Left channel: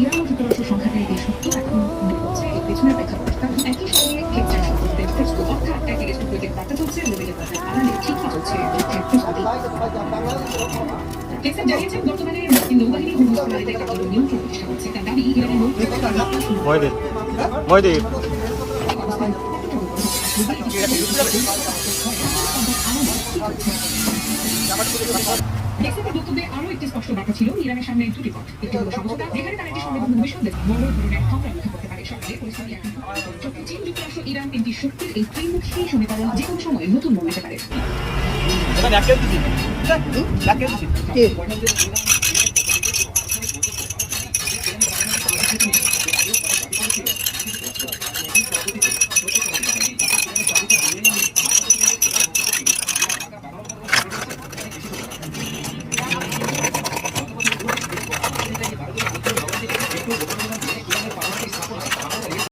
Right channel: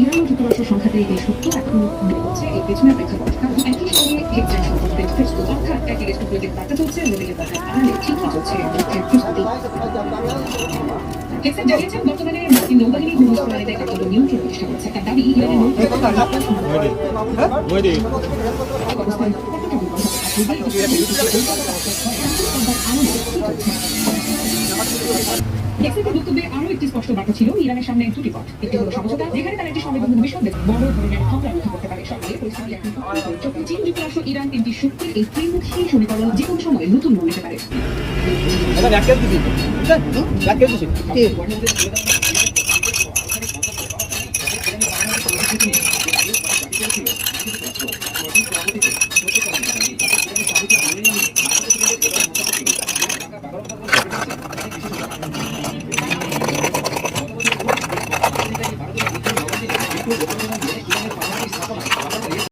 Iran যুক্তরাষ্ট্র সংঘাতের এই সূত্র এখন হচ্ছে এই পেছনে পেছনে একই সঙ্গে হেক্সার সম্পর্কের প্রশ্ন অর্থাৎ একদিকে স্টুডিওকে দেখা চলছে অন্যদিকে ঠিকই চলছে প্রস্তুতি। হেক্সার জানিয়েছেন বর্তমানে মার্কিন নৌবাহিনী ঘূর্ণিঝড়ে একটা নিয়ন্ত্রণ প্রতিষ্ঠা করছে। তার দাবি ইরানের হেক্সারের বক্তব্যে আরও একটি স্পষ্ট ব্যাখ্যা ছিল ইরানের সামনে দুটি পথ, একটি হলো সমঝোতা যেখানে তারা একটি সংবিধানের বিষয়ে বড় ধরনের হামলা রক্ষা করতে পারে। সরকারি পরিস্থিতি এখন চীন যুক্তরাষ্ট্র ইরান তিনটি শক্তির এই ত্রিমুখী সমীকরণ যে কোনো সময় নতুন রূপ নিতে পারে।